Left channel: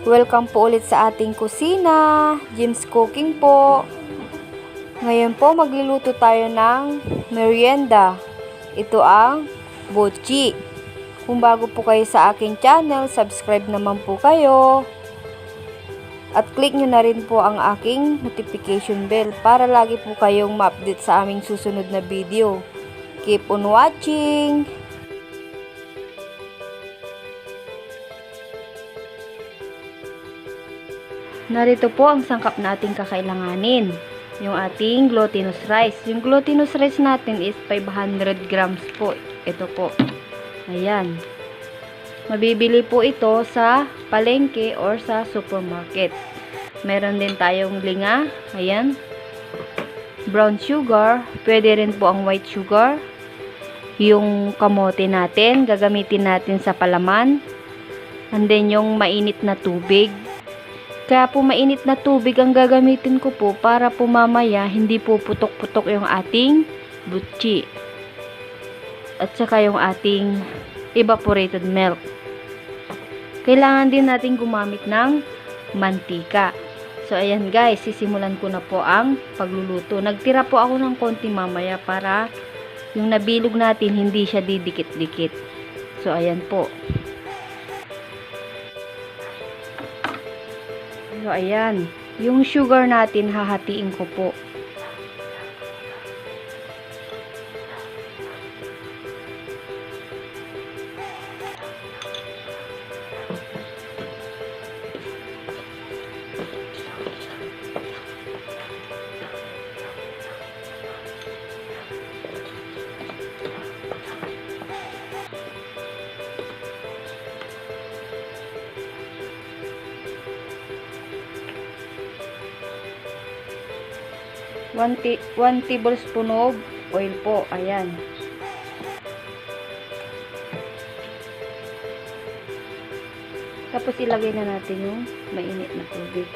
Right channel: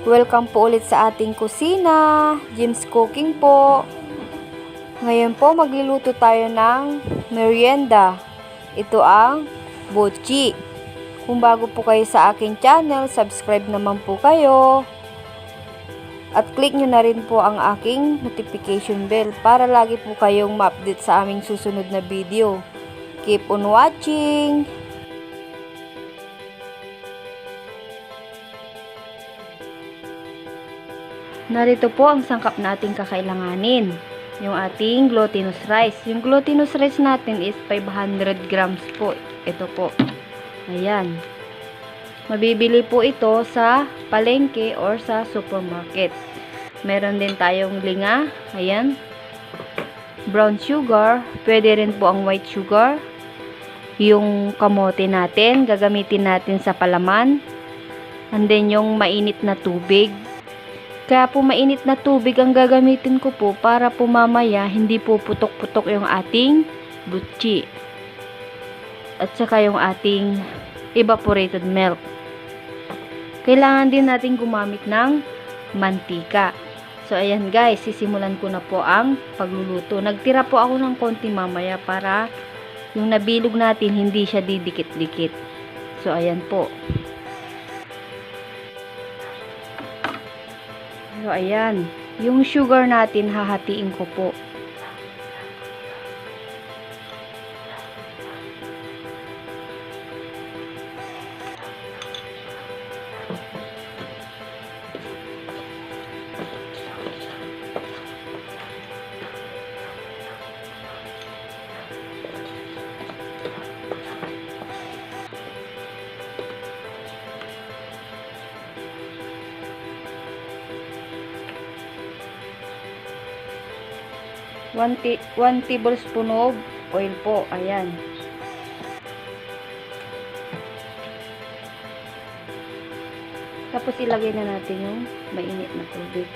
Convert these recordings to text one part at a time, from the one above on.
Welcome po ulit sa ating kusina, Jim's Cooking po. Ngayon po magluluto tayo ng merienda. Ito ang BUCHI. Kung bago po kayo sa aking channel, subscribe naman po kayo. At click nyo na rin po ang aking notification bell para lagi po kayong ma-update sa aming susunod na video. Keep on watching! Narito po ang sangkap na ating kakailanganin. Yung ating glutinous rice. Yung glutinous rice natin is 500 grams po. Ito po. Ayan. Mabibili po ito sa palengke or sa supermarket. Meron din tayong linga. Ayan. Brown sugar. Pwede rin po ang white sugar. Yung kamote natin. Gagamitin natin sa palaman. And then yung mainit na tubig. Kaya po mainit na tubig ang gagamitin ko po para po mamaya hindi po putok-putok yung ating BUCHI. At saka yung ating evaporated milk. Kailangan din natin gumamit ng mantika. So ayan guys, sisimulan ko na po ang pagluluto. Nagtira po ako ng konti mamaya para yung nabilog natin hindi siya didikit-dikit. So ayan po. So, ayan. Yung sugar natin, hahatiin ko po. One tablespoon of oil po. Ayan. Tapos ilagay na natin yung mainit na tubig.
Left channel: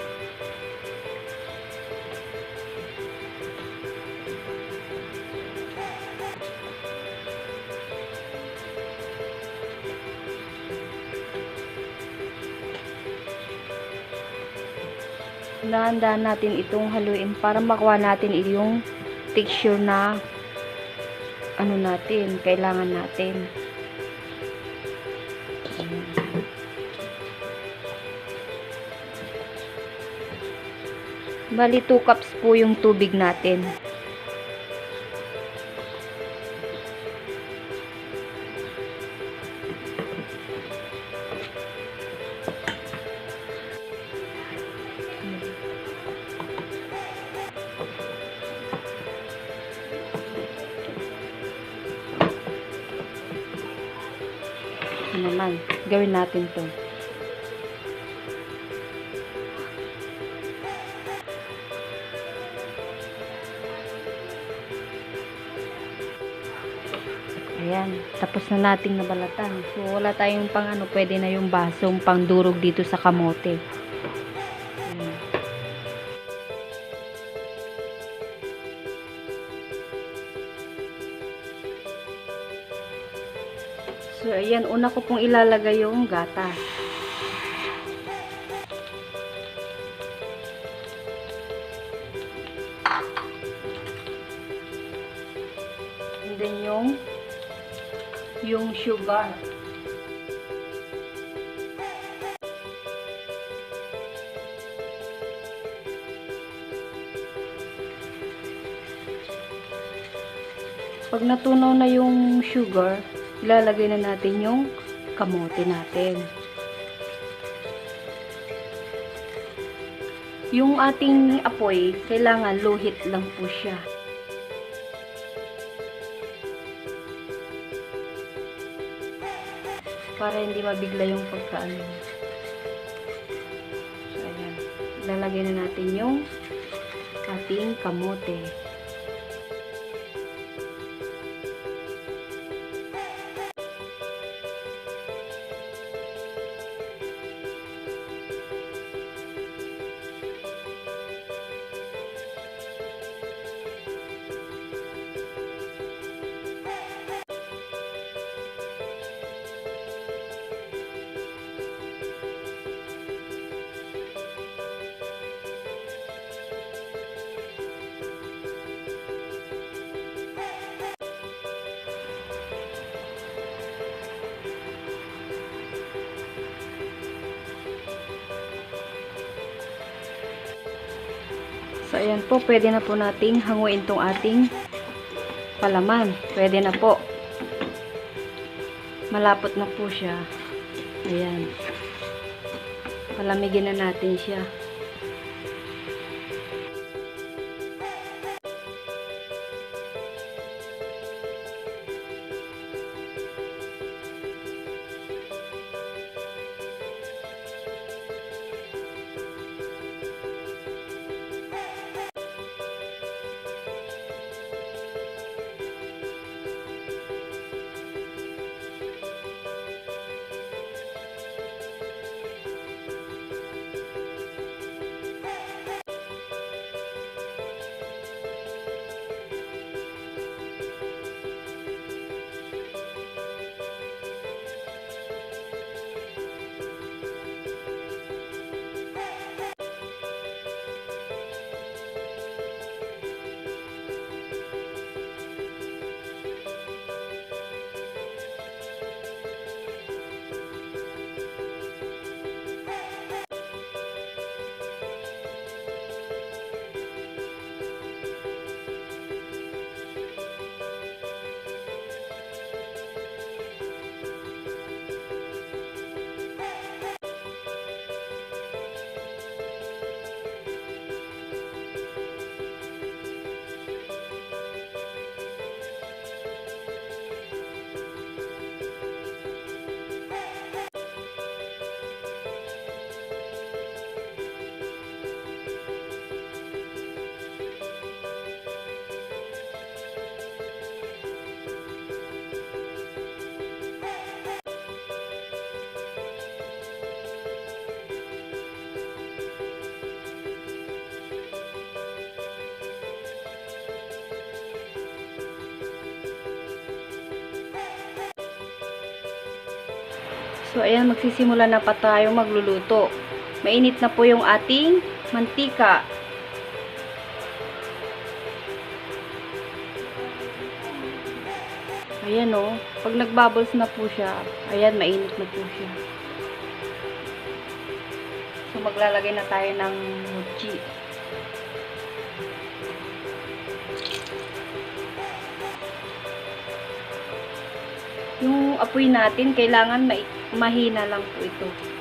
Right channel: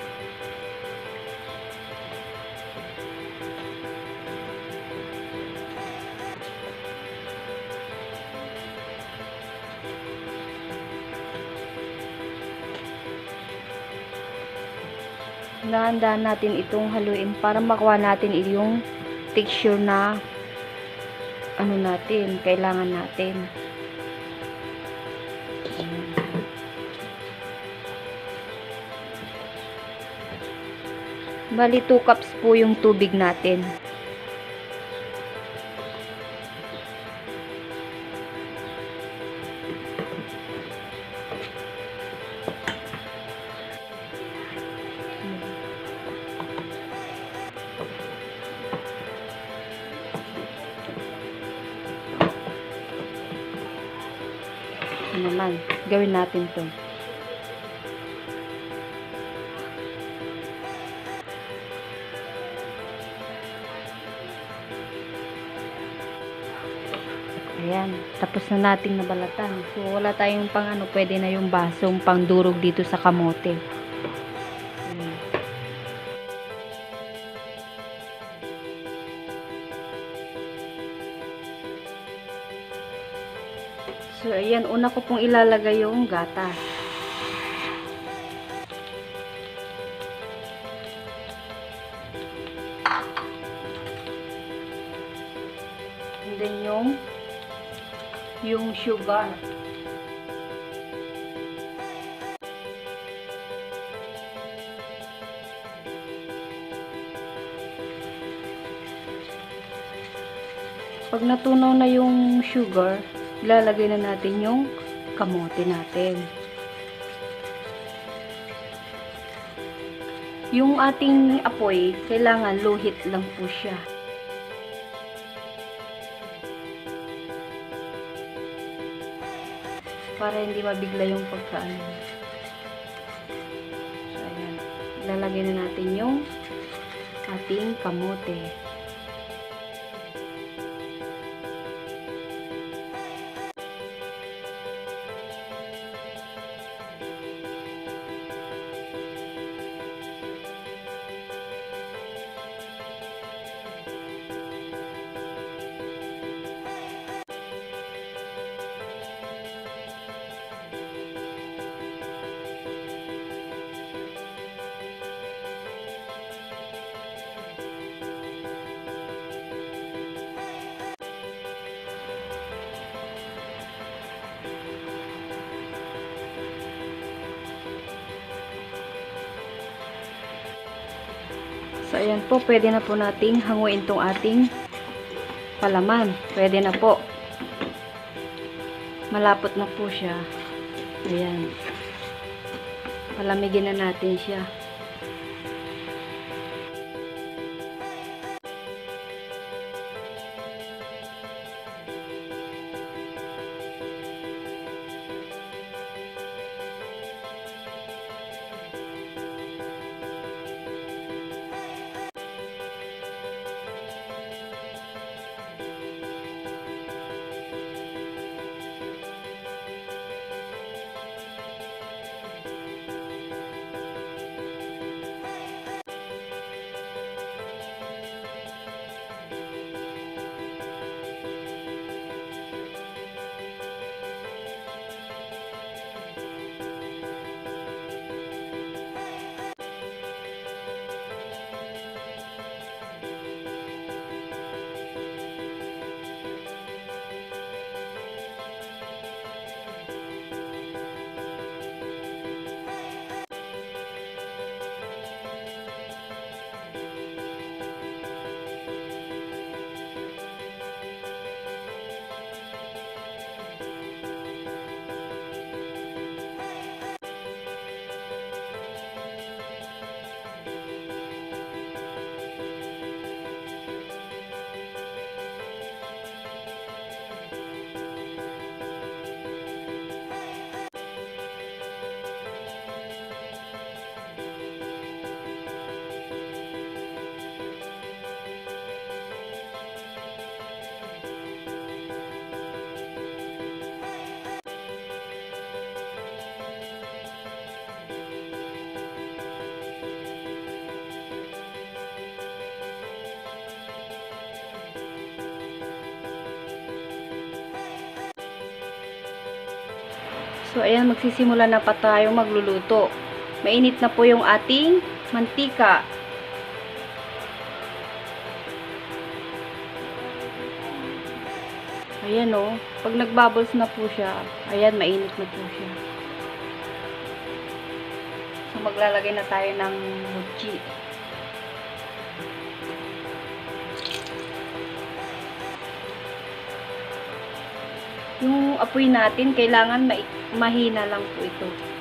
Dahan-dahan natin itong haluin para makuha natin yung texture na ano natin, kailangan natin. Ayan. Bali 2 cups po yung tubig natin. Naman, gawin natin to. Ayan, tapos na nating nabalatan. So wala tayong pang ano, pwede na yung basong pangdurog dito sa kamote. Ayan. So, ayan, una ko pong ilalagay yung gatas. And then yung sugar. Pag natunaw na yung sugar, ilalagay na natin yung kamote natin. Yung ating apoy, kailangan low heat lang po siya. Para hindi mabigla yung pagkaano. So, ayan. Ilalagay na natin yung ating kamote. So, ayan po, pwede na po nating hanguin tong ating palaman. Pwede na po. Malapot na po siya. Ayan. Palamigin na natin siya. So, ayan, magsisimula na pa tayo magluluto. Mainit na po yung ating mantika. Ayan o. Pag nagbubbles na po siya, ayan, mainit na po siya. So, maglalagay na tayo ng buchi. Yung apoy natin, kailangan mahina lang po ito.